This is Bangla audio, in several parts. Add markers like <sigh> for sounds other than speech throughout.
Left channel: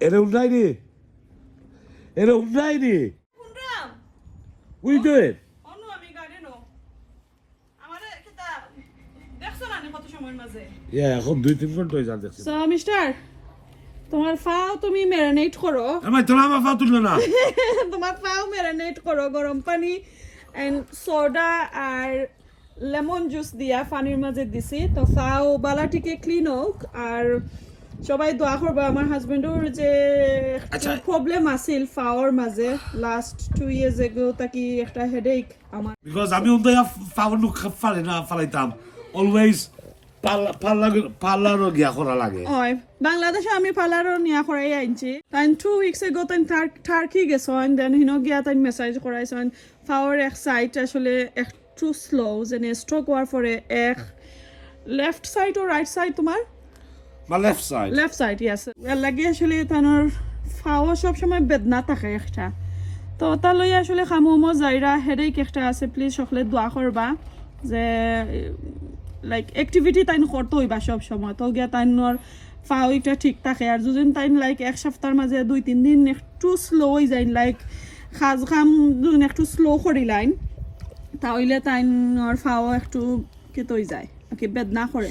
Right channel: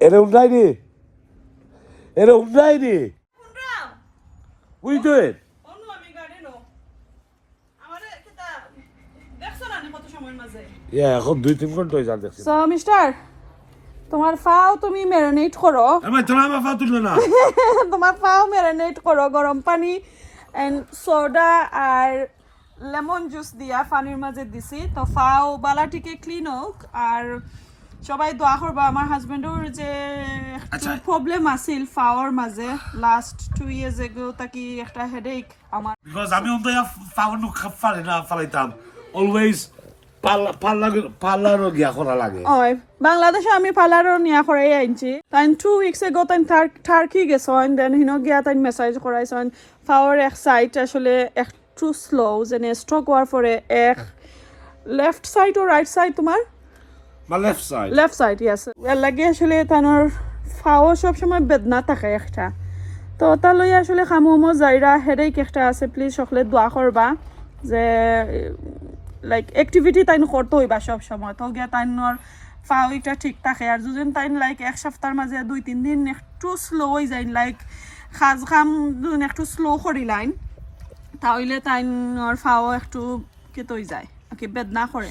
এটা উন্নাই নি এটা উন্নাই নি উই ডু ইট অন্য আমি গার্ডেনও আমারে কিতা দেখছ না নি কত সময়ের মাঝে? ইয়া এখন দুই তিন ঘণ্টা হয়ে যান দেখছি। মিস্টার তোমার ফাও তুমি ম্যারিনেট করো আমি তোরা আমার ফা তুলবে না। <laughs> তোমার ফাও ম্যারিনেট করো গরম পানি এন্ড সোডা আর লেমন জুস দিয়া পানির মাঝে দিছি। তো ফাও বালাটিকে ক্লিন হোক আর সবাই দোয়া করবা আমার হাজবেন্ডর যে আচ্ছা। প্রবলেম আছিল ফাওয়ার মাঝে লাস্ট টু ইয়ার্স এগো তাকি একটা হেডেক আমার। বিকজ আমি উন্নয় ফাউন্ড ফালে না ফালাইতাম। অলওয়েজ বাংলাদেশে আমি পার্লারও নিয়া করে আনছি। তাই টু উইকস এগো তাই টার্কি গেছেন দেন হিনো গিয়া তাই মেসেজ করাইছেন ফাওয়ার এক সাইড আসলে একটু স্লো যেনে স্ট্রোক হওয়ার পরে এক লেফট সাইড ও রাইট সাইড তোমার মা left side left side yes লাগে আসলে তানোর ফাও সবসময় বেদনা থাকে একটা। তো তা লই আসলে খামুমো যাইরা হেডেক একটা আছে প্লিজ সকলে দোয়া করবা যে লাইক অ্যাক্টিভিটি তাইন করতে হইবা সব সময় তো গিয়া তাইনর ফাও এটা ঠিক থাকে। আর যদি তাইন লাইক এক সপ্তাহের মাঝে দুই, তিন দিন একটু স্লো হয়ে যায় লাইক খাজ খাম একটু স্লো করি লাইন তাহলে তাইনর ফাও একটু কেত হয়ে যায়। কি বেদনা করে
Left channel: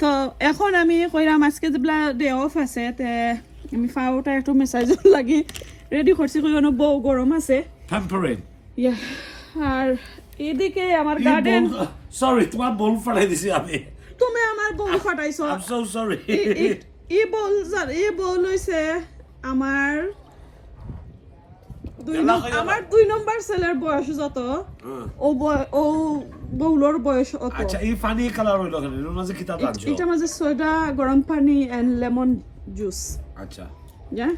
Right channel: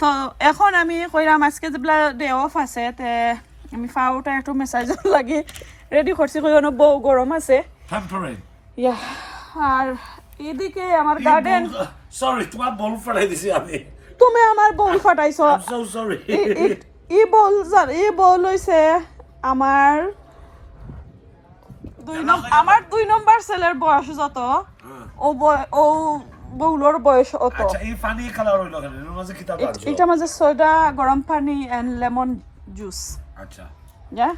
তো এখন আমি কইরাম আজকে যেগুলা ডে অফ আছে তে আমি ফাউটা একটু মেসাজ <laughs> লাগে। রেডি করছি কই অনেক বউ গরম আছে। ইয়া আর এদিকে আমার গার্ডেন সরি তোমার বল ফালাই দিছি আমি। তুমি আমার বউ ফাটাইছ। আই এম সো সরি ই- বল জান- ই বল হইছে আমার দুই আমার। দুই নম্বর ছেলের বয়স যত। ও ও বউলোর বয়স অত। আচ্ছা এই ফানি কালার হইল কেন এর মাঝে কিতা এট- এটা মাঝে সোডা গরম পানি এন্ড লেমন জুস আচ্ছা। যা।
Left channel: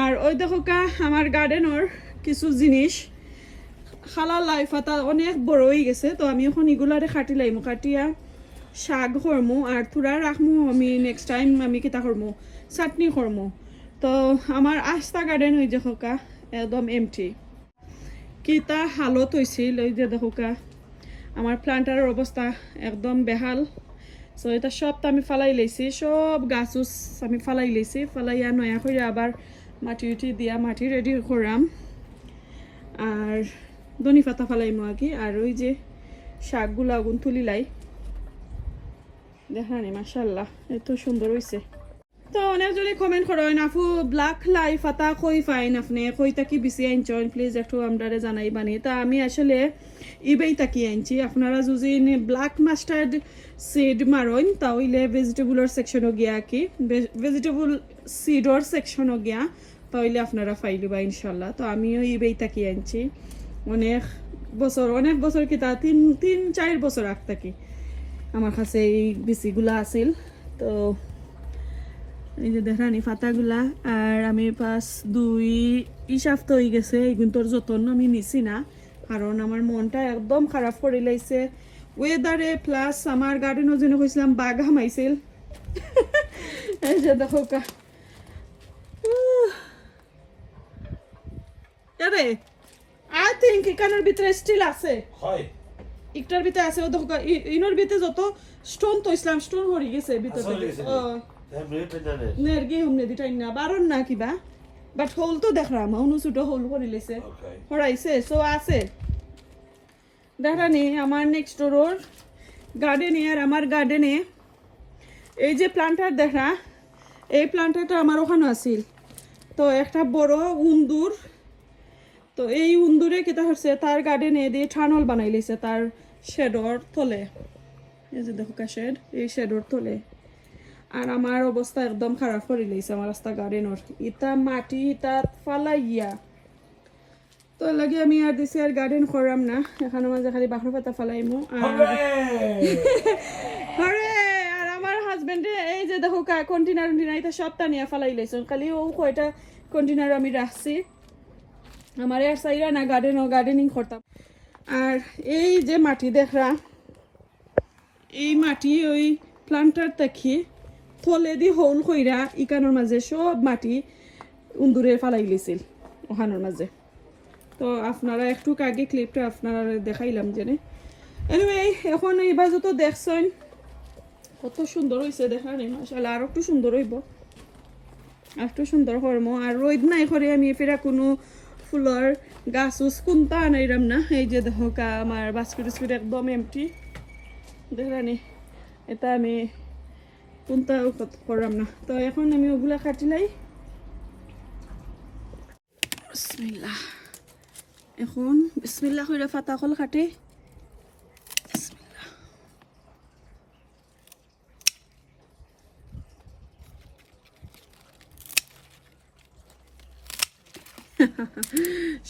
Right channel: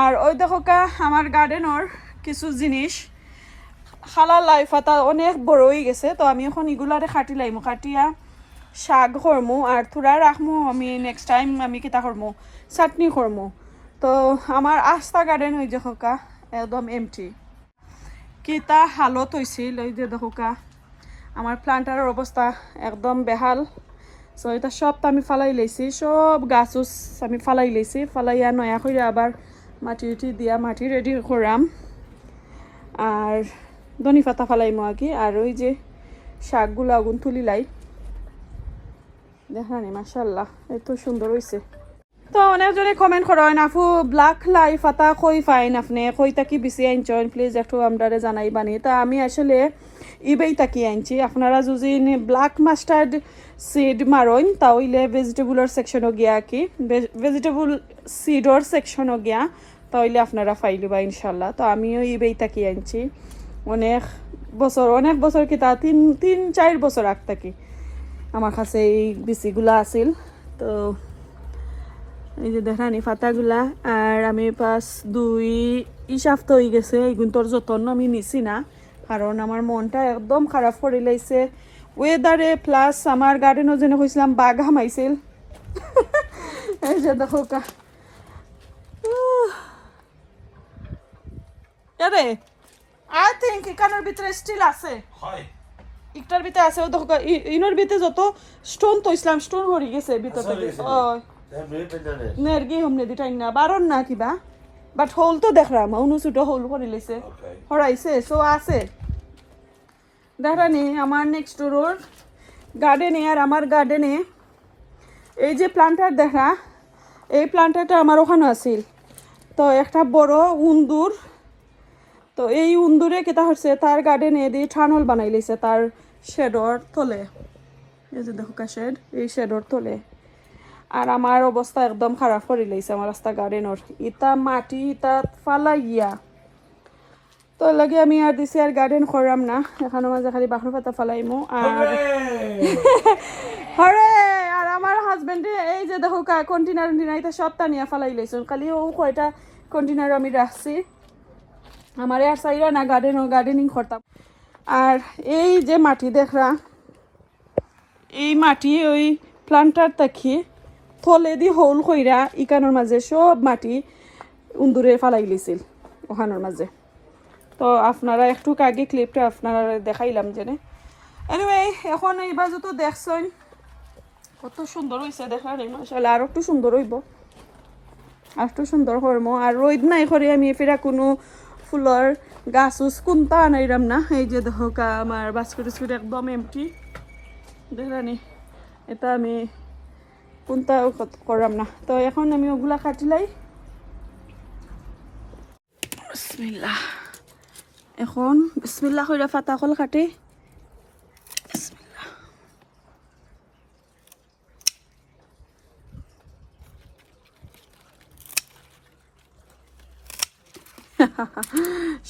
আর ওই দেখো কা আমার গার্ডেনর কিছু জিনিস। খালা লাই ফাতা অনেক বড় হয়ে গেছে তো আমি এখন ইগুলারে খাটি লাইমু। খাটিয়া শাক করমু আর থুরা রাখমু আমি নেক্সট টাইম আমি কিতা করমু চাটনি করমু তো আমার আস্তা গার্ডেন হয়ে দেখো কা একদম এমটি কিতা হালত হয়েছিল ওই যে দেখো কা। আমার প্লান্টারের অবস্থা একদম বেহাল। সো এটা সব তো আমি ফালাই লেছি, সব গাছ উছ আমি ফালাই লেছি, ফালাইয়া নয়া করে আবার মাটি উঠি দিয়া মাটি রেডি করাম। আর ধনি পাতা ফালাইমো আর কি আর ওই যে শাকগুলো আগুন তুলি লাই দেখানি মাসাল্লাহ এত সুন্দর হয়েছে তো অনেকজনে কমেন্ট করেন আপু ব্ল্যাক লাই ফাতা কই ফাইন আপনি? কই তাকি বেশি আনছেন প্লিজ একটু আমরারে জানাই বানি। তা আমি আসলে ইবেই তাকি আনছি? আপনারা যদি ব্ল্যাক মাস্টার্ড সিড মারইন তাহলে ভেজিটেবলের সেকশনও গিয়া কি ভেজিটেবল সিডর সেকশনও গিয়া তাহলে আপনারা ফাইলিবা ইনশাল্লাহ। তো আমিও ইবেই তাকি আনছি? অনেক বছর অনেক বছর কি তা? তিন তিন, চার বছর আগ থাকি আমার কাছে এই বিচিগুলা আছিল। তো এই যে দেখানি ফাতাগুলা আর আমি পাঁচ দুই ইসাফত হয়ে গেছে এইগুন তোর যতন আমি নিছি না কারণ আমার মনটা একদম খারাপ করে লাইছে। ওয়েদারে প্লাস আমার গার্ডেনও যেন কইছিলাম বাঘ হামাইছিল <laughs> এই যে দেখো। আরে আই থিঙ্ক এখানের ভিতরে স্টিল আছে। হয়। একটার ভিতরে আছে ও দেখো ই- ইনোর ভিতরে যত স্টোন তো ইসলাম স্টোন হরি গেছে ভিতর আচ্ছা, থেকে। নেরগি হমনে দিটাই না বারণ না কিবা বাট হোল তো দেখলাম অনু ছোট হোল করে লেছে হরাইছে সো আছে। দেখানি আমার নেক্সট ডোর গার্ডেনে আর আমার গার্ডেনে এই যে প্লান্টার দেখা এই প্লান্টারটা আমার ওখানে আছিল। তো একটা বড় উন্দুর তো এই উন্দুরে কেটা হচ্ছে তার গার্ডেনে দিয়ে ঠানল বানাই লেছে তার শেডর তলে। এই যে দেখো শেড এই শেডর তলে। আর আমার অবস্থা একদম খারাপ করে লাইছে আমার রাস্তা গার্ডেনর ইটা মাটি ইটা ফালাইয়া। তো লাগে আমি আর দিছি আর গার্ডেন করাম না। এখানে মাঝে খালি বাখর পাতা ফালাইমু আর হরে <laughs> আর আমার হাজবেন্ডে এই যে দেখো কা কন্টেনার কন্টেনার এটা সব টানিয়া ফালাই লাইছো খালি ও কয়টা কন্টেনার আমি রাখছি আমার আর চাইরা না গার্ডেন গার্ডেনিং করতাম আর এই যে মাটি দেখরা এই মাটি ওই প্লান্টার তাকি থলে দি হোল কইরা ইকানোর মাঝে সব মাটি উন্দুরে ফালাই লিছিল ওখানোর মাঝে। তো আপনারা একটু আগে ক্লিপটা আপনারা দেখাইলাম জেনে। এনিওয়ে এখন এইবার যত দেখছেন, কত সুন্দর হয়েছে দেখা রে মাসাল্লাহ আর একটু সুন্দর হইব। আর একটু সুন্দর করব আর রোদ নাই করে আমি ফেরা কোনো ফুলের গাছ উস কোনটা আনাইরাম না। এই যে দেখো আমার বাস্কুট স্কুট একদম এমটি দেখানি এটা আমি কোনটা করাম না। তো এখন আমি ওগুলা কাটিলাই এখন বিসমিল্লাহ কইরা ফাতা কল কাটে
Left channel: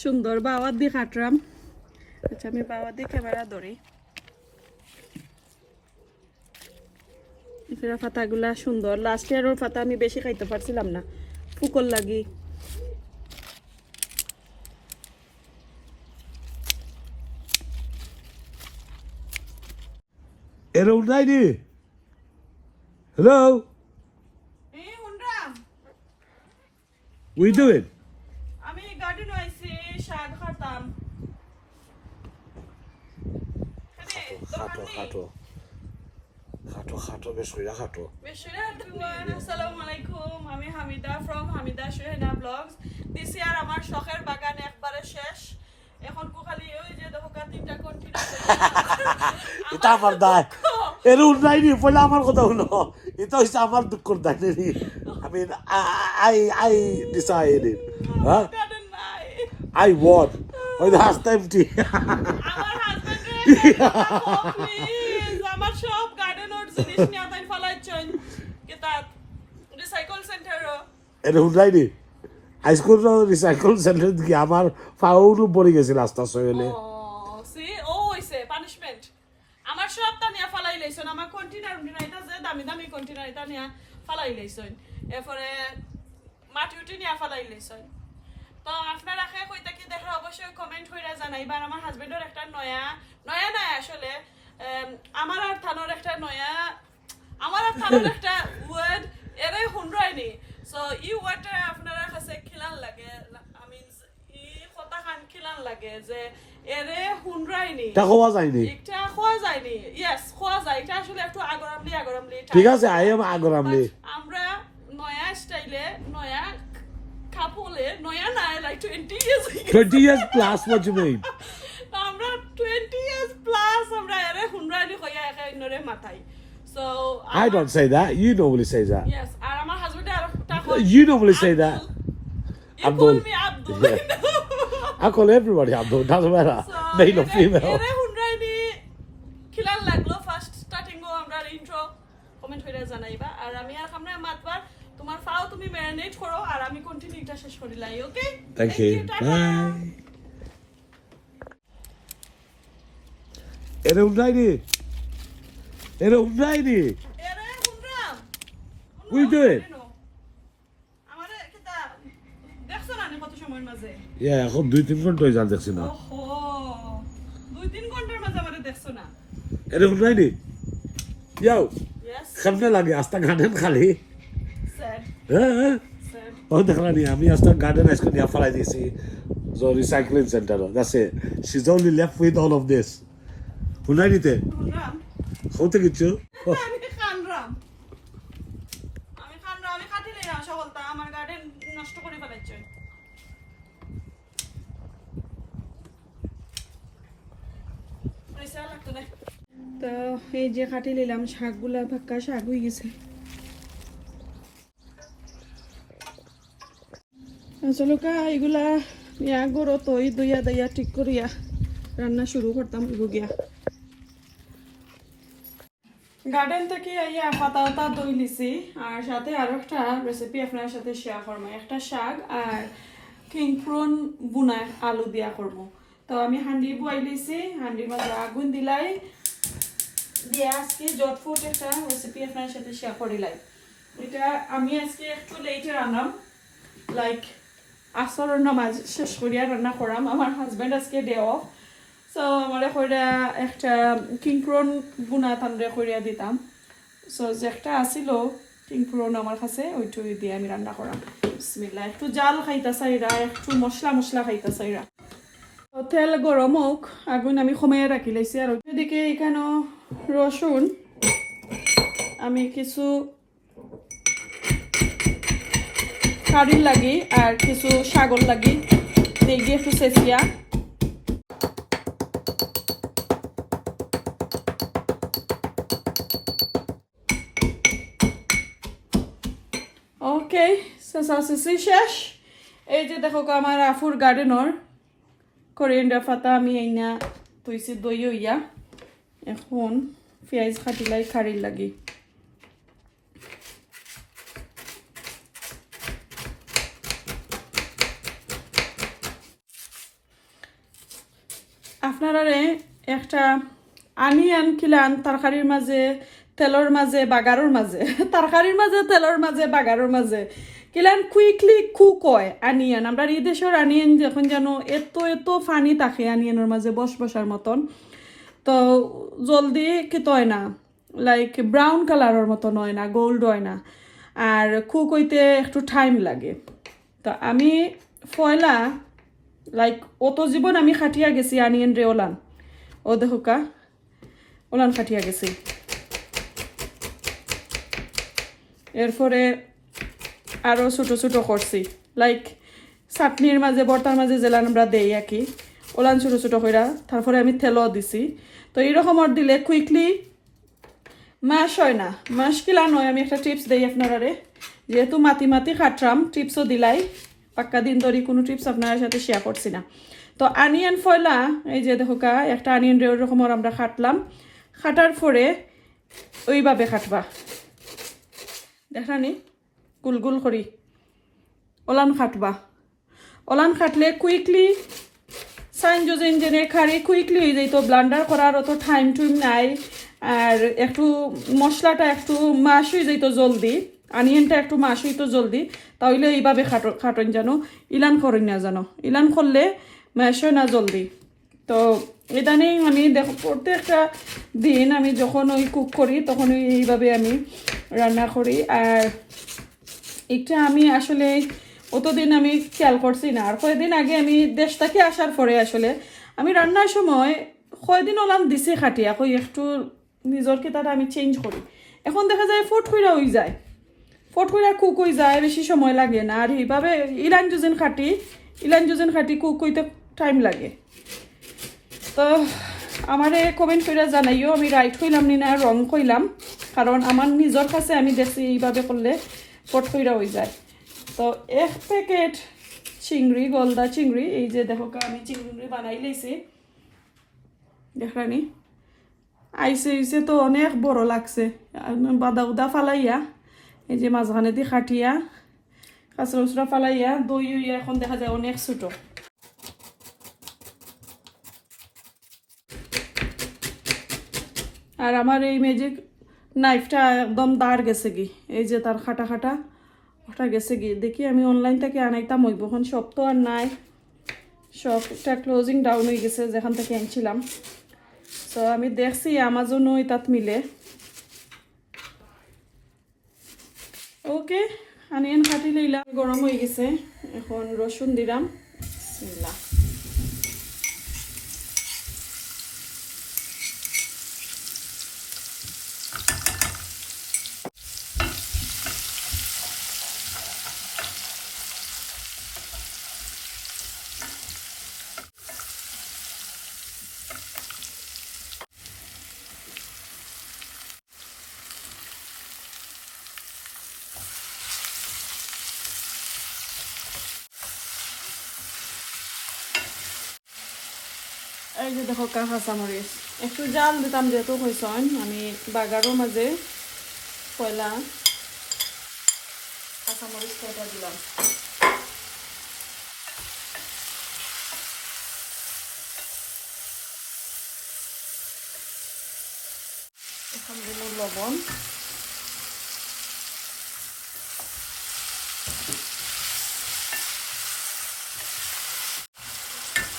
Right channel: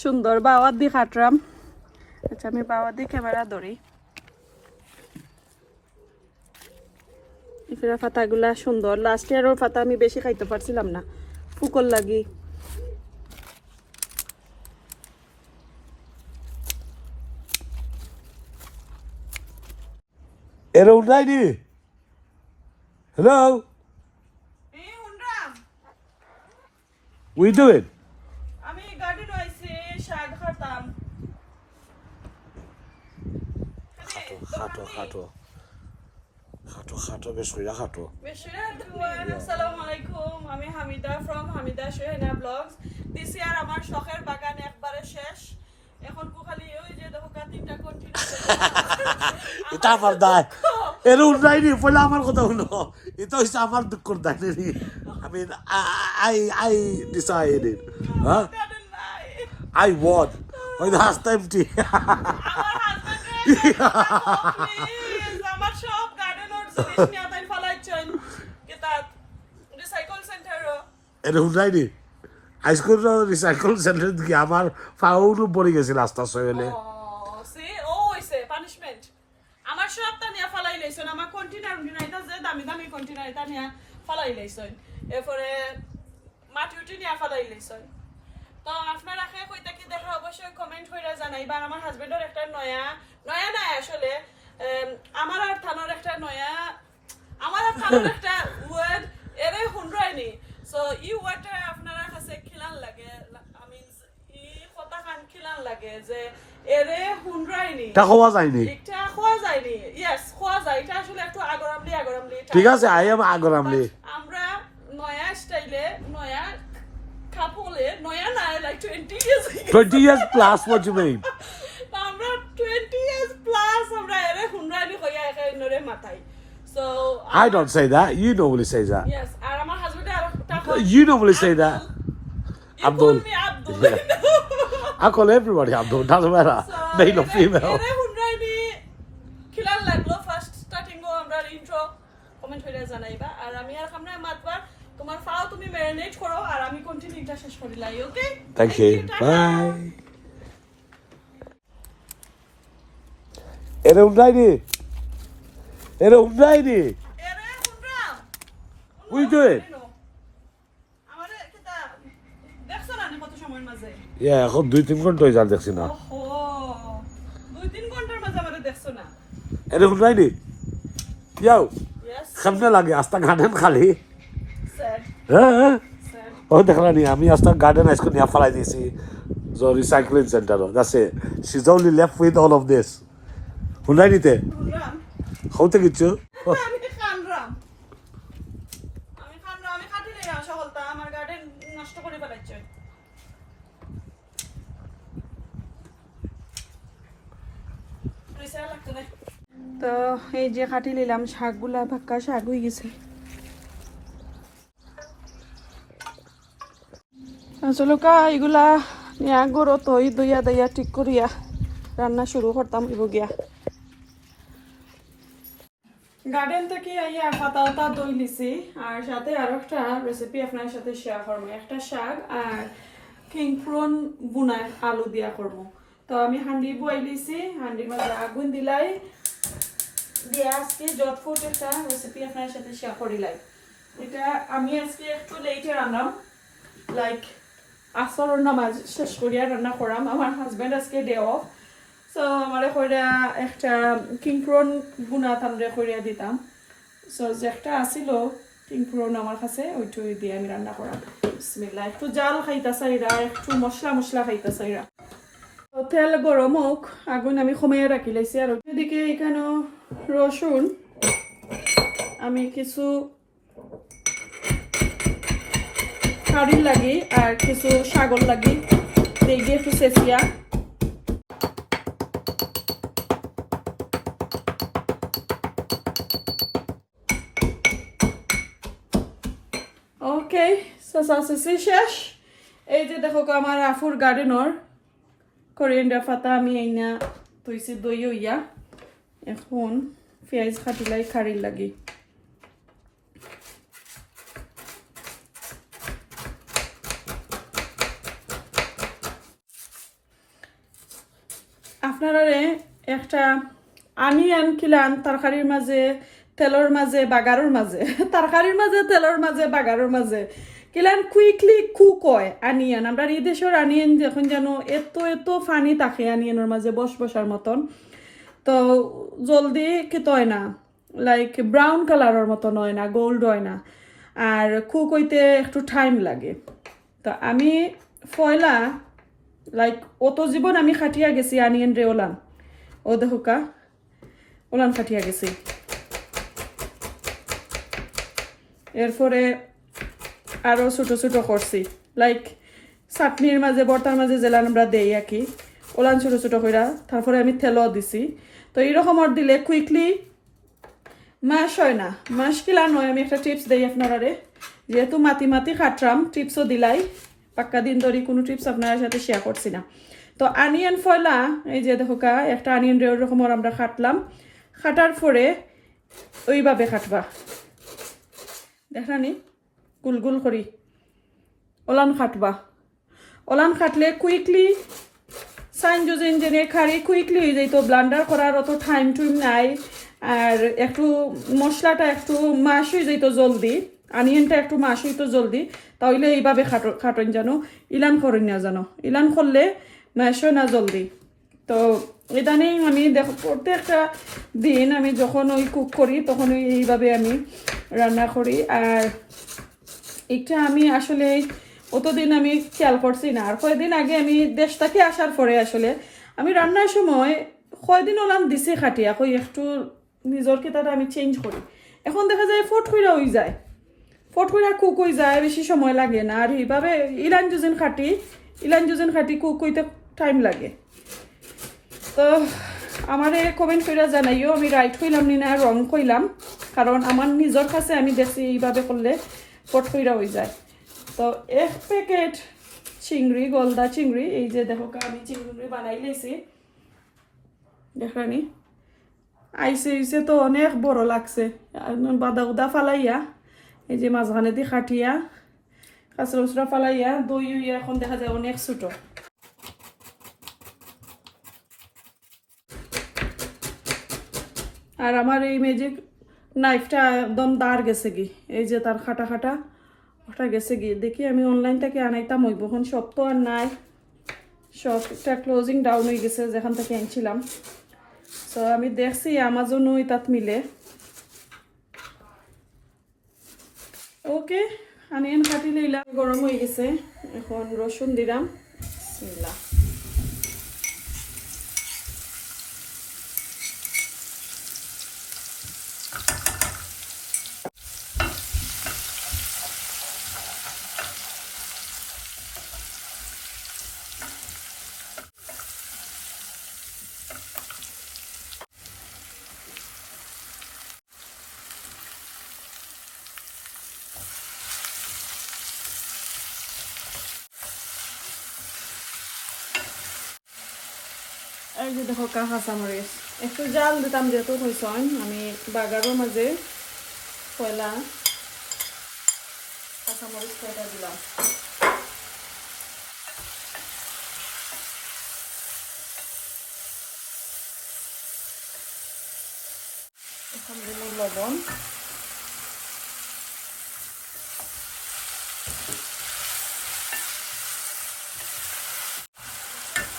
সুন্দর বাওয়ার দি কাটরাম। আচ্ছা আমি বাওয়ার দি ক্যামেরা ধরি। এফিরা ফাতাগুলা সুন্দর। লাস্ট ইয়ারের ফাতা আমি বেশি খাইতে পারছিলাম না। ফুকল লাগি। এরকম নাইনি হ্যালো উই ডু ইট আমি গার্ডেন আইছি শাক খাতাম খাটো বেশ কইরা খাটো আসসালামু আলাইকুম আমি Hamida from Hamida Sohena blogs this year আমার শখের বাগান একবারে শেষ। এখন কুখালি ওই যে দেখো কা তিনটা কন্টিনিউ এটা আমার দায়। এরকম নাইনি পয়লা আমার কথা হলো। এটা হচ্ছে আমার দুঃখর দায়। নাইনি আমি আই আই ডিসাইডেড হ্যাঁ? নাই। I ওই হাসতে এমটি আমার হাজবেন্ড <laughs> জিনিস নিয়ে তাই ফলাইছেন কেতা রিসাইকেল সেন্টার এটা শুনাইনি হাইস্কুল রিসাইকেল সেন্টার দিকে আমার ফাউলও পড়ে গেছে রাস্তা সইলে। সি ও হইছে পানিশমেন্ট আমার সব তা ফালাই লাইছেন আমার কন্টেনার যে দামি দামি কন্টেনার এটা নিয়ে ফালাই লাইছেন। এরপরে মাটি উঠি নিয়ে ফালাই লাইছেন। তো আপনারা কে কইতা কি দেখা অবশ্যই কমেন্ট হইরা জানাইবা। আর আমার হাজবেন্ডের একটা নয়া নয়া নাই আসলে। আমার আর থানোর একটা নয়া আমার আর থানোর একটা ওয়ার্ড এরে হুন্ড্রাইনি সো ই ওয়ার্ডটা আপনারা কাছে খিলান লাগে আমি ই কথা খান খিলান লাগে যে এরে হুন্ড্রাইনি এটা খাওয়া যায়নি। এটা খাওয়া যায়নি। ইয়েস খাওয়া যায়। এটা আসলে একটু আগরামলি আগরামলি ঠিক আছে আই এম আগরামলি আমরা নয়া স্টাইলে নয়া couple নয়া Noyan like I like 20 years 20 years plus what you mean? <laughs> আমরা 20 একে নরে মাথাই so I don't say that. You normally say that. Yes আর আমার হাজবেন্ড আর একটা You normally say that. You call me Abdul. I call everybody Abdul doesn't matter. Male or female. এরে হুন্ড্রাইনি খিলাল লাগল ফার্স্ট স্টার্টিং ও আমরা ইন্ট্রো কমেন্ট হইরা জানাইবা। আর আমি আর আমরা মাতবার। তোমার ফাও তুমি ম্যারিনেট করো আর আমি কন্টিনিউটা শেষ করি লাই ওকে thank you. bye এরকম নাইনি এরকম নাইনি এরে দেখছ না নি ইয়া এখন দুই তিন ঘণ্টা হয়ে দেখছি না। এরকম নাইনি ইয়াও ইয়েস সামনে লাগে? আস্তা গার্ডেন খালি? হ্যাঁ হ্যাঁ। ও দেখলা নি আমি আস্তা গার্ডেন আইসকো নিয়া ফেলাই দিয়েছি recycling centre she is only left with all of this শুনাই নিতে। হতে কিছু? আমি খানরাম আমি খানরাম আমি কাটি নিলাম সকলটা আমার গার্ডেন নষ্ট করে ফেলাচ্ছে তো এই যে কাটি নিলাম শাকগুলা ভাক্কা শাক হয়ে গেছে। আসলে কা এগুলা নিয়া গরো তৈ দইয়া দইয়া ঠিক করিয়া রান্না শুরু করতাম গিয়া গার্ডেন থেকে ইয়া পাতা পাতা দই লিছি আর সাথে আরও একটা রেসিপি আপনার সাথে শেয়ার করব। একটা শাক আর কিং প্রন বুনা আলু দিয়া করব। তো আমি হান্ডি বই লিছি হান্ডির মাঝে আগুন দিলাই। দিয়ে আজকে জটফুট একটা রেসিপি আপনার সাথে শেয়ার করিলাই এটা আমি আজকে একটু লেটে রান্নাম। লাইক আসরের নামাজ শেষ করিয়া রান্না করাম। আমার হাজব্যান্ড আজকে ডে অফ সো আমারে কইরা একটা কিং প্রন বুনা তামরে কইরা দিতাম। সো যে একটা আসিল কিং প্রন আমার কাছে ওইটু দিয়ে আমি রান্না করাম। বিসমিল্লাহ, একটু জাল খাইতা চাইরা একটু মশলা মশলা খাইতা চাইরা তেল গরম হোক, আগুন আমি কমাইয়া রাখি লাইছি। আর এদিকে এখানে রসুন, আমি কিছু শাড়ির লাগি আর কিছু শাগর লাগি। দেখি একটু চেঁচিয়া ওকে শেষ এই যে দেখো আমার আফুর গার্ডেনর করিয়েন্ডার পাতা, আমি এইনা তৈছি দই হইয়া। এখন পেঁয়াজ খাটিলাই খাড়ির লাগি। আপনারারে একটা আনিয়ান কিলান তরকারির মাঝে, তেলের মাঝে, বাগারের মাঝে, <laughs> তরকারির মাঝে, তেলের মাঝে, বাগারের মাঝে। কিলান কুইকলি কুক কয় আনিয়ান আমরা এই দেশের আনিয়ান যখন যেন এত এত ফানি থাকে আনিয়ানের মাঝে বস বসার মতন, তো জলদি কিত হয় না। লাইক ব্রাউন কালারের মতন হয় না গোল্ড হয় না। আর কুক কইতে একটু টাইম লাগে। তো আমি ফয়লা লাইক অত জীবন আমি খাটিয়া গেছি আনিয়ন রে ওলান। ও দেখুকা ওলান খাটিয়া গেছি। এরপরে আরও ছোটো ছোটো করছি। লাইক চাটনির মাঝে, বর্তার মাঝে জেলান আমরা দেই আর কি ওলান ছোটো ছোটো কইরা, তারপরে আমি তেলও দিছি। তো এইরকমর দিলে কুইকলি মাস হয় না। মাস কিলা নয়, আমি একটা টিপস দেই আপনারারে। যেহেতু মাতি মাতি খাটরাম টিপসও দিলাই। পাক্কা দিন ধরে কোনো টিপস আপনার সাথে শেয়ার করছি না। তো আনিয়ন ফয়লা, এই যে দেখো কা একটা আনিয়ন রকমের আমরা খাটলাম। খাটার পরে ওইভাবে খাটবা। দেখানি গুল গুল করি ওলান খাটবা। ওলান খাটলে কুইকলি সাইন জোজেন জেনে খারি কুইকলি হয়ে যাইতো ব্লান্ডার করার অত টাইম টুইম নাই। আর একটু মশলাটা একটু মাস হয়ে যাইতো জলদি। আনিয়নটা একটু মাস হইতো জলদি। তাহলে এইভাবে খাটো খাটন জানো। ইলান করেন না জানো। ইলান করলে হয় না জলদি। তো ইদানিং আমি দেখো প্রত্যেকটা দিন আমি যখন ওই কুক করি তখন এইভাবে আমি রান্না করি। আর এটা আমি আসলে অতদিন আমি খেয়াল করছি না। আর কয়েকদিন আগে আমি দেশ থেকে আসার পরে আসলে আমি রান্নার সময় কয়দিন ওলাম দিছি খাটিয়া, কই একটু নিজের কেতাটা আমি চেঞ্জ করি। এখন দেখা যায় ফট কইরা হয়ে যায়। ফট কইরা কুক হয়ে যায়, বেশি সময় লাগে না। আর এইভাবে ইলান জুজিন খাটি, ইলান জুজিন খাটি কুক হইতে টাইম লাগে। তো আমারে কমেন্ট করে জানাইও, আমি রাইট কইলাম নি না রং কইলাম। কারণ আমার নিজের কাছে আমি দেখছি এইভাবে করলে ফট কইরা হয়ে যায় তো এক প্যাকেট চিংড়ি, গলদা চিংড়ি, এই যে দেখো আমি চিংড়ি বানাই লেছি। দেখানি আইসে আইসে তো অনেক বড় লাগছে। বাদা উদা ফালাইয়া, এই যে মাঝখানে দিয়ে খাটিয়া কাঁচরা উচরা ফালাইয়া, দই উইয়া এখন দেখা যায় অনেক ছোটো। আর আমার এই ম্যাজিক নাইফটা একদম দাঁড় গেছে কি এই যে তার খাটা খাটা, ওটা গেছে কি দেখি আমি অনলাইন থেকে আনাইতাম হইব এখন সব তো আর নাই। সবটা ক্লোজিং ডাউন হয়ে গেছে, যেখান থেকে আনছিলাম। তো আমি দেখছি আমাজনও তাত মিলে। ওকে আনিয়ন কাটি লইলাম, গরম হয়ে গেছে। এখন রসুন দিলাম। এই যে দেখো কা কাঁচামরিচ। একটু জাল দিতাম যেহেতু হয়েছেন আমি বাগারের মাঝে পয়লা কাঁচামরিচ কয়টা দিলাম। এখন দিল লবণ।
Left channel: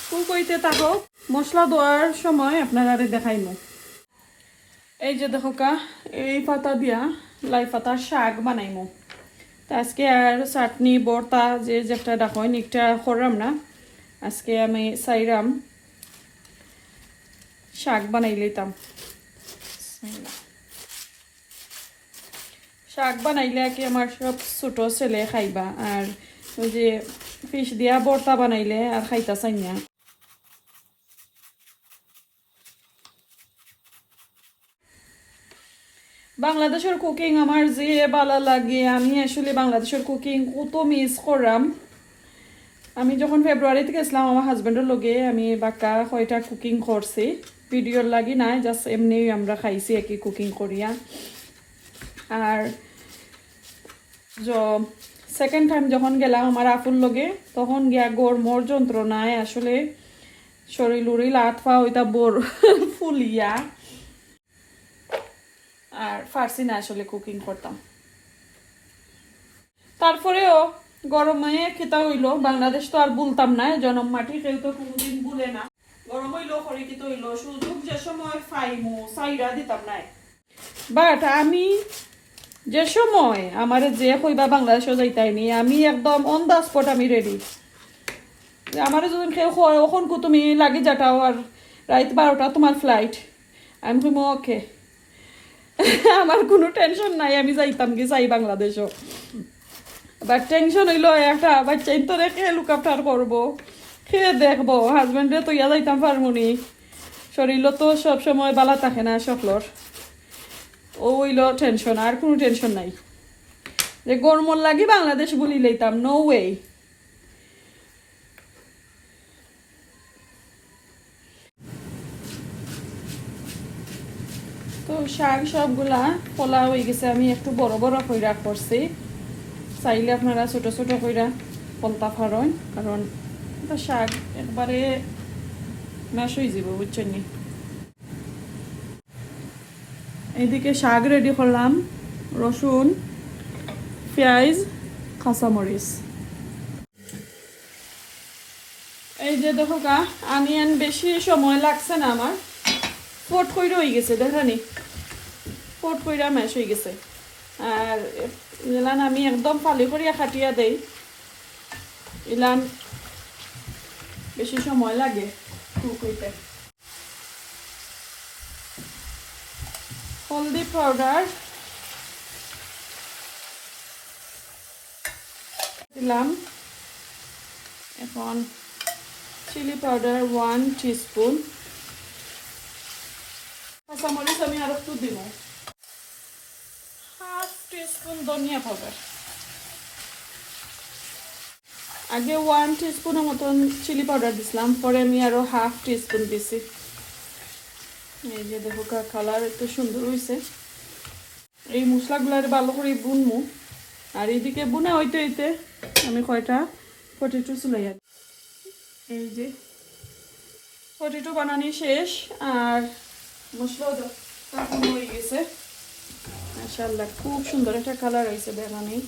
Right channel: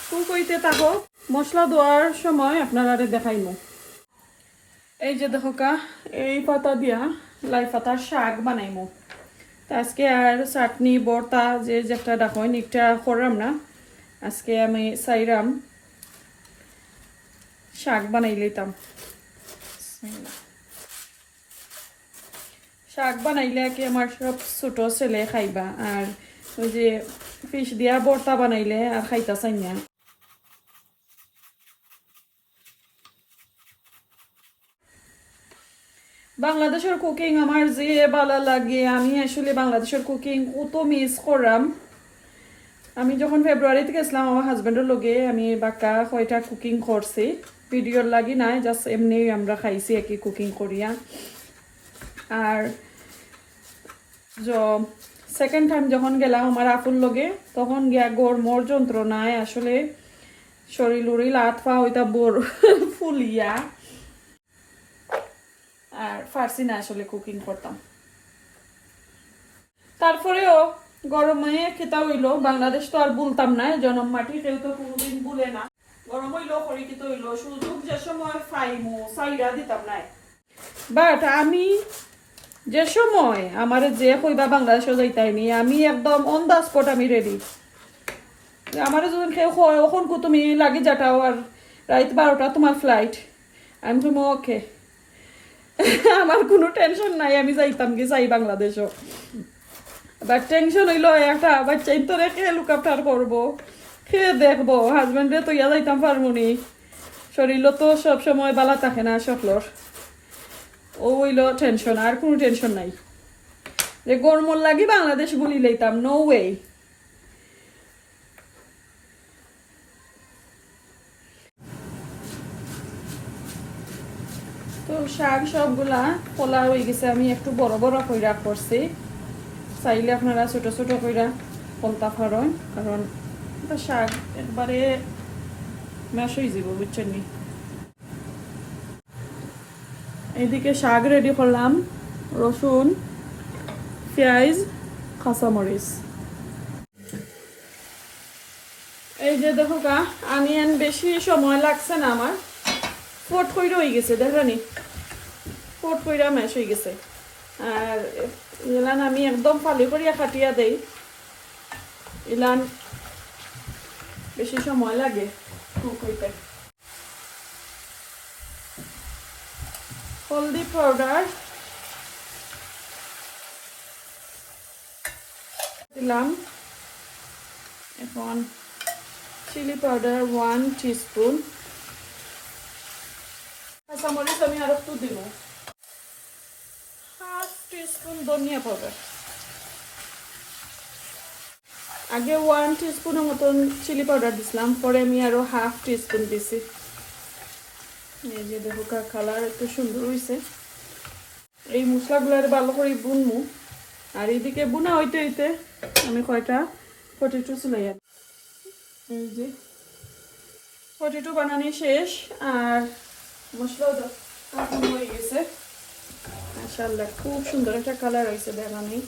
কুক হইতে থাকো মশলা দেওয়ার সময় আপনারা দেখাইমু এই যে দেখো কা, এই পাতা দিয়া লাই পাতার শাক বানাইমু। তো আজকে আর চাটনি, বর্তা, যে যেটা ডাকইন একটা করলাম না, আজকে আমি চাইরাম শাক বানাই লইতাম। শাক বানাইলে কি আমার সব ছোট ছেলে খাইবা, আর ওই যে ফিশ দিয়া বর্তা বানাইলে আর খাইতা চাই না। বাংলাদেশের কুকিং আমার যে ভালো লাগে, আমি আসলে বাংলাদেশের কুকিং কত মিস করাম। আমি যখন ফেব্রুয়ারিতে গেছিলাম আমার হাজব্যান্ডের লগে, আমি বাক্কা কয়টা কুকিং করছি। ভিডিওর লাগি নাই জাস্ট এমনি আমরা খাইছি, একই কুকিং করিয়া। আর সেকেন্ড টাইম যখন গেলাম আমার আপুর লগে, তখন গিয়া গরমর যন্ত্রণায় আসলে শরীর উড়িল হাত পা ওইটা বোর <laughs> ফুলিয়া। আর ফার্সি না আসলে কুকিং করতাম। তারপরেও গরমে খেতা হইল, বাংলাদেশ তো আর বলতাম না জনম মাটি কেউ তো কোনোদিন বলে না। গরম হইল যে সময় সাইরা দিতাম বাট আমি যে সময় আমার যে কইবা বাংলাদেশে যাইতাইনি আমি একদম অন দ্য স্পট আমি রেডি আমার যখন কেউ ওখন তুমি লাগি যাটাও আর রাত বারোটা তোমার ফ্লাইট আমি তুমি ওকে। <laughs> আমার কোনো টেনশন নাই, আমি যাইতাম কি যাই বাংলাদেশও। বাট টেনশন হইল, একটা বাচ্চাই তো রেখে লুক আফটার করব। খেয়ে দেখব হাজবেন্ডে তো ইয়া যাইতাম পারমুনি শরীরও তো সব সময় বালা থাকে না সকলর ও হইল টেনশন আর কোনো টেনশন নাই। যে গরমর লাগি বাংলাদেশ বলি লইতাম নো ওয়ে শাক সবগুলা ফলা হয়ে গেছে, আমি একটু বড় বড় কইরা করছি। চাইলে আপনারা ছোট ছোট কইরা ফলতা ফারন কারণ শাক একবারে ম্যাশ হয়ে যাব বুঝছেন নি? এইদিকে শাক রেডি করলাম, রসুন, পেঁয়াজ, কাঁচামরিচ। এই যে দেখো গা, আনিয়ান বেশি সময় লাগছে না আমার, ফোট কইরা হয়ে গেছে দেখানি ফোট কইরা ম্যাশ হয়ে গেছে। আর ইলান আমি একদম ফালি করিয়া খাটিয়া দেই। ইলান, বেশি সময় লাগে কুক হইতে। হলদি পাউডার দিলাম। এখন চিলি পাউডার ওয়ান টিস্পুন কাঁচামরিচ আমি আর একটু দিব। হাফ টিস্পুন ধনিয়া পাউডার। আগে ওয়ান টিস্পুনের মতন চিলি পাউডার দিছিলাম, পরে আমি আরও হাফ টিস্পুন দিছি। এই যে দেখো কালার এত সুন্দর হয়েছে এই মশলাগুলার ভালো করে বুনমু। আর এইদিকে বুনা হইতে হইতে আমি কয়টা পটেটো চুলাইয়া এই যে পটেটো বানানি শেষ, আর মশলাও হয়ে গেছে। মাশাআল্লাহ, খুব সুন্দর একটা কালার হয়েছে বেগানি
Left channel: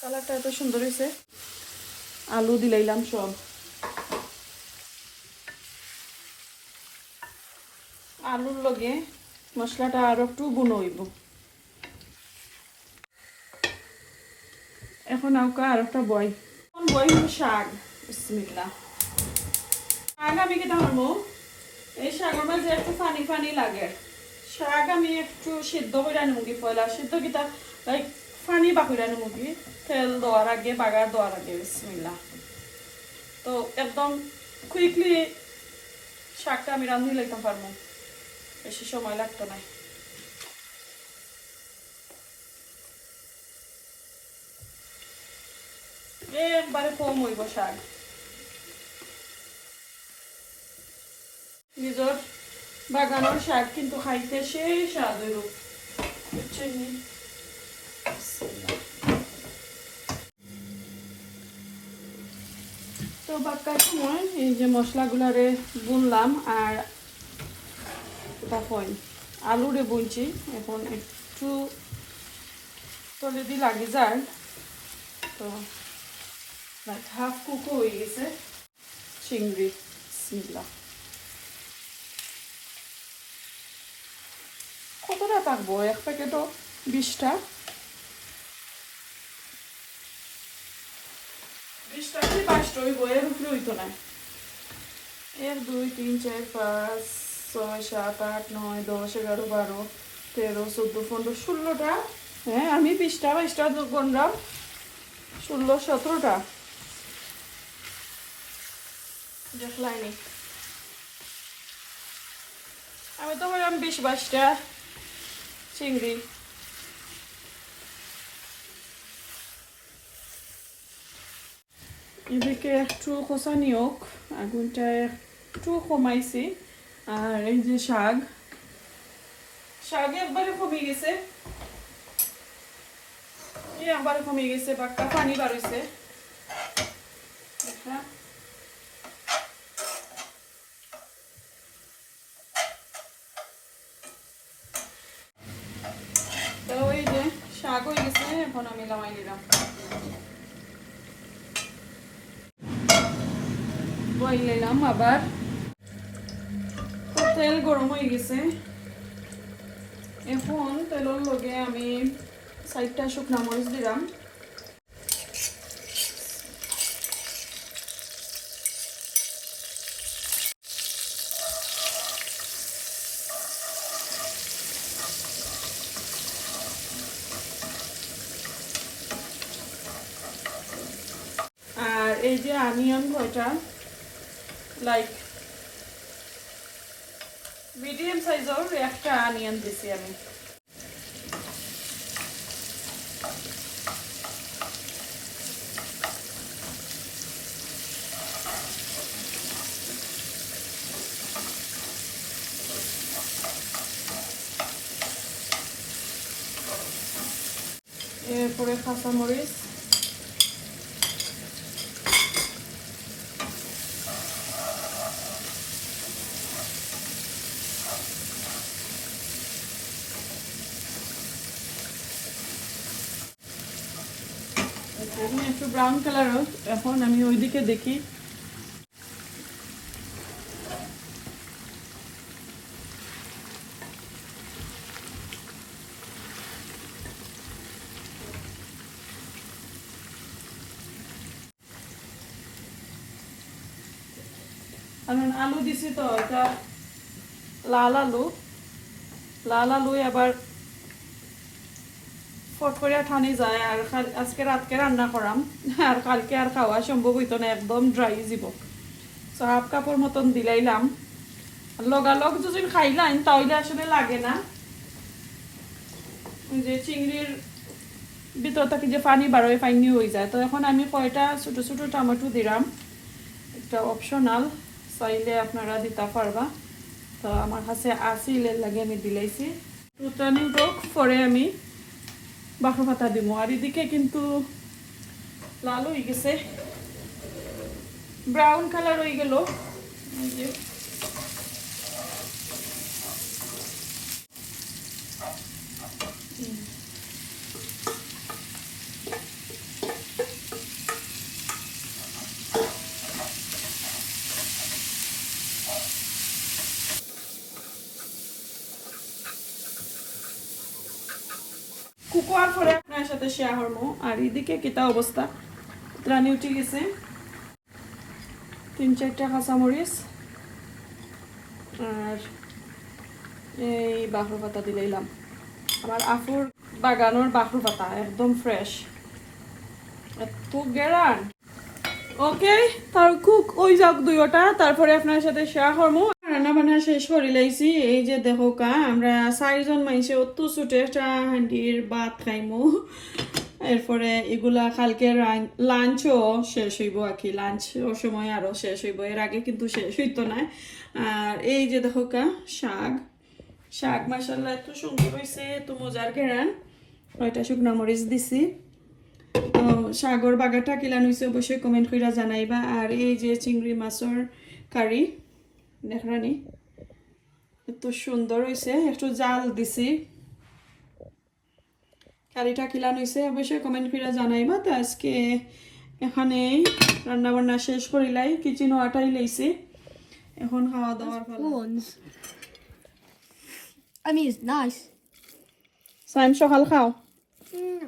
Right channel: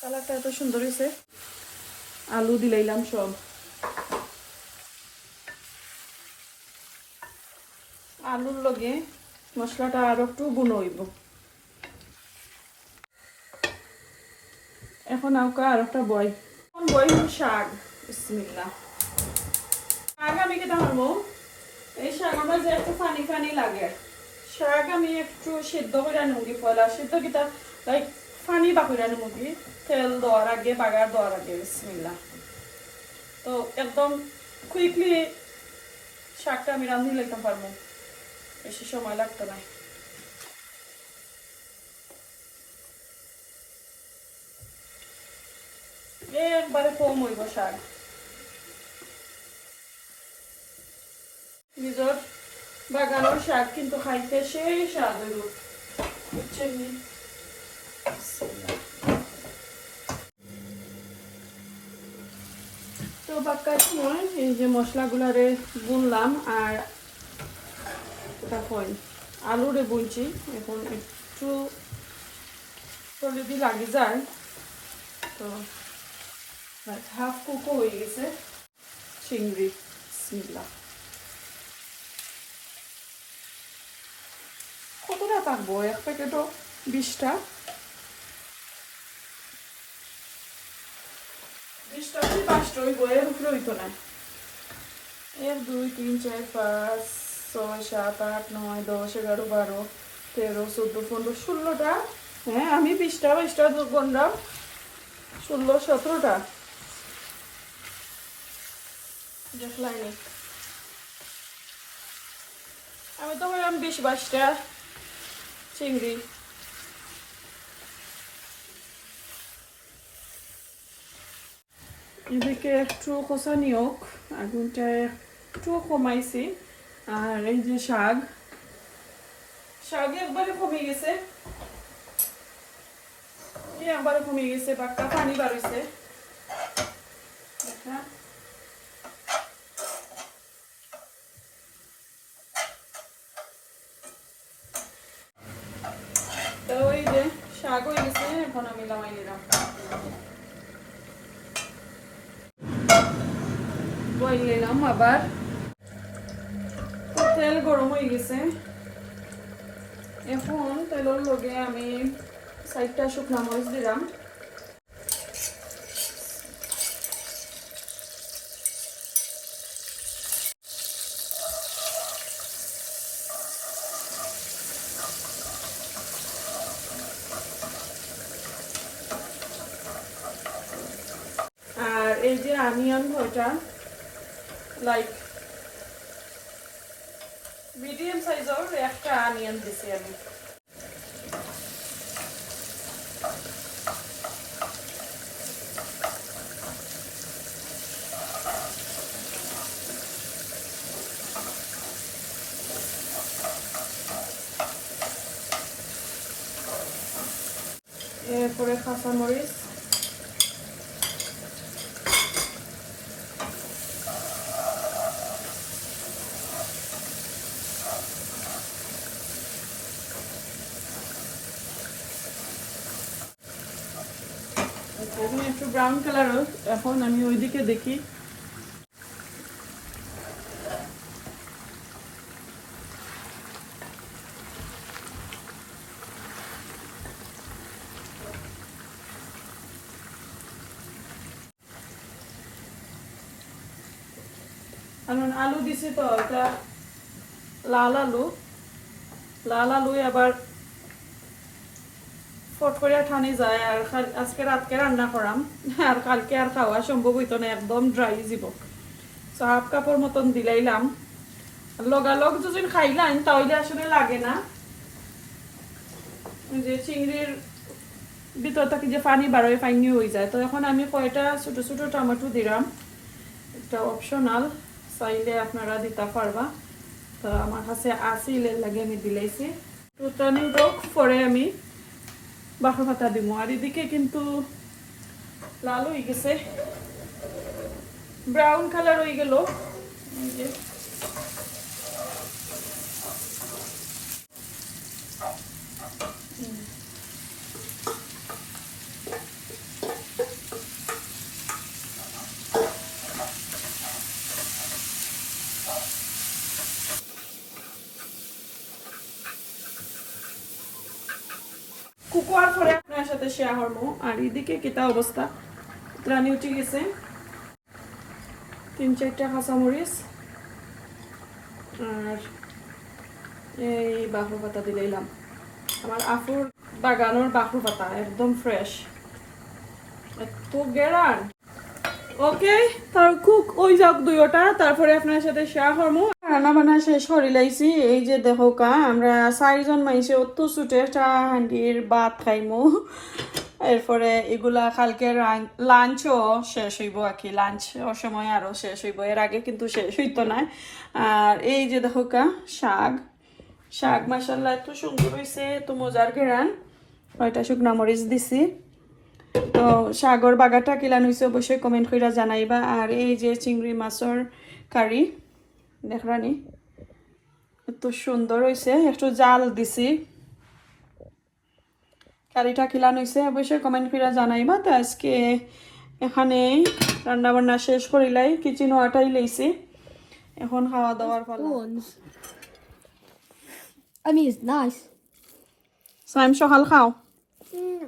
কালারটা এত সুন্দর হয়েছে। আলু দিলাইলাম সব। আলুর লগে মশলাটা আরও একটু বুনো হইব। এখন আউকা আর একটা বই এখন শাক? বিসমিল্লাহ। শাক আমি কেটে মারবো এই শাক আমার যে একটু ফানি ফানি লাগে। শাক আমি একটু সিদ্ধ করে আনি মুগি পয়লা? সিদ্ধ কিতা লাইক ফানি বাকুরে আনি মুগি তেল দেওয়ার আগে, বাগার দেওয়ার আগে, বিসমিল্লাহ। তো একদম কুইকলি শাকটা আমি রান্ধি লাইতাম পারব। বেশি সময় লাগতো না। একবারে কম হইব শাক। নিজের বাগানের শাক কিন্তু খাইতে সেই স্বাদ হইব তো এই যে বুনলাম আর আলুরে বুনছি। এখন একটু তো যদি লাগে যায়, তো হাফ কুকও হয়ে গেছে চিংড়ি বিসমিল্লাহ কতটা থাকব এক প্যাকেটও বিশটা দুই তিন চার পাঁচ ছয় সাত আট নয় দশ এগারো বারো তেরো চোদ্দ পনেরো ষোলোটা হ্যাঁ আমি বিশটা বাইশটা গন্ডাম ষোলো সতেরোটা দেখলাইনি আমি তো হইলাম বিশ বাইশটা চিংড়ি। এদিকে একটু কষানি হোক আগুনটা একটু কমাইছি। আর এই যে শাক শাক একবারে কমে গেছে। একবারে কমে গেছে, বাক্কা পানি বাড়ছে দেখা তো ওই যে শাক হয়ে গেছে এখন আমি নামাই নিলাম। বইল নিলাম আবার। তেল গরম হয়ে গেছে। এখন তেলের লগে আমি চারটা শুকনা মরিচ দিলাম আর এই যে ভয়টা লাইক মিডিয়াম সাইজের একটা আনিয়ন দিছি আমি। এরপরে কাঁচামরিচ এখন একটু ব্রাউন কালার হোক, এখন আমি ওইদিকে দেখি। কারণ আলু দিছি তো এটা লাল আলু। লাল আলু আবার ফট করে ঠানি যায় আর আজকে রাতকে রান্না করাম। আর কালকে আর খাওয়া সম্ভব হইতো না, একদম ড্রাই যাব সো হাফ কাপড় মতন দিলাইলাম। লগালগ যদি খাইলাম, তাহলে আসলে লাগে না। যে চিংড়ির ভিতর থেকে যে পানি বারোয় পানি হয়ে যায়। তো এখন আমি কয়টা ছোট ছোট টমেটো দিলাম। এটা অপশনাল চাইলে আপনারা দিতে পারবা। তো আমার কাছে আসিল লাগে আমি দিলাইছি। টুটানি হোক পরে আমি বাসা ভাতা দিব আর এদিকে কিন্তু লাল হয়ে গেছে। ব্রাউন কালার হয়ে গেল। কুকুয়ার পরে আপনার সাথে শেয়ার করব আর এদিকে কিতা অবস্থা? রানি উঠে গেছে। তিন চারটা কাঁচামরিচ আর এই বাহরু পাতা দিলাইলাম আমার আফুর বাগানোর বাহরু পাতা, একদম ফ্রেশ এত গেরান ওকে তার কুক ওই যাক দুইটা তারপরে আপনার সাথে শেয়ার করব রান্না বান্না শেষ করে লাইছি এই যে দেখো কা, আমরা চারিজন মানুষে অত ছুটে একটা হান্ডির ভাত খাইমু। এরপরে এগুলা কালকে লাঞ্চও শেষ হইব আর কি। লাঞ্চ ওর সময় আরও শেষ হইব। এর আগে কিন্তু শেষ হইতো না। আর এই যে দেখো কা, শাক। শাক মাসাল্লাহ এত সুন্দর হয়েছে এত মজার ঘেরান। কয়টা শুকনা মরিচ দিছি। তো সাগর বাগাটা কিলান হয়েছে অবশ্যই কমেন্ট করে জানাইবা। আর এই যে চিংড়ি মাছের কারি দেখরানি এত সুন্দর হয়েছে একটু জাল দিছি। কারিটা কিলান হয়েছে অবশ্যই কমেন্ট করে জানাইবা। তো আজকে এখানে রান্না বান্না শেষ করিলাই কিচেন ওয়াটাই লইছি। এখন খাওয়া দাওয়ার Ones. I mean, it's nice. Saim সকাল খাও। Mm,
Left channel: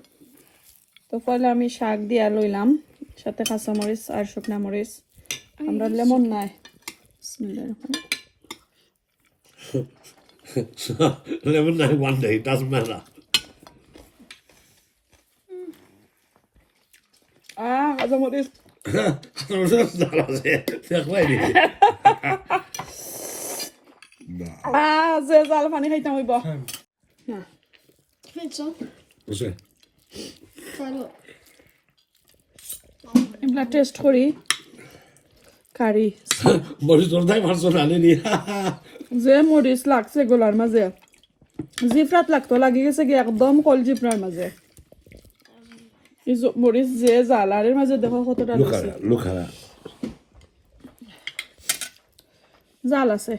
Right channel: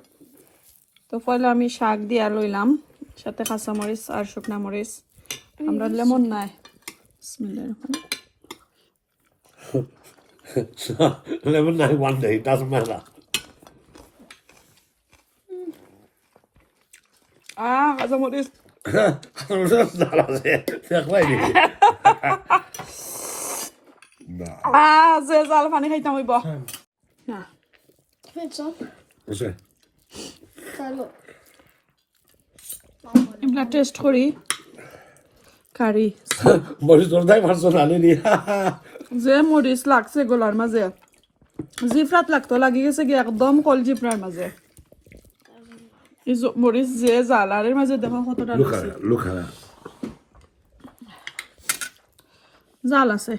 তো পয়লা আমি শাক দিয়া লইলাম সাথে কাঁচা মরিচ আর শুকনা মরিচ। আমরা লেমন নাই। Bismillah. Eleven no one day, it doesn't matter. Ah, I don't want this. <laughs> Ah, ze is al van heet dan weer boh. No. Vind je? Wat zeg? Hallo. Ik blijf dus trolie. কারি মরিচ তোর দাই পারছ না নি যে মরিচ লাগছে গোলার মাঝে জিফরাত লাগতো লাগি গেছে কি একদম কল জিফরার মাঝে মরিচ যে জালারের মাঝে দেখো কতটা that. জাল আছে.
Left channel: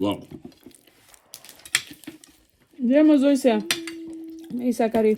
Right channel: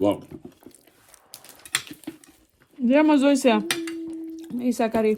What? যে মজা হয়েছে ইসা কারি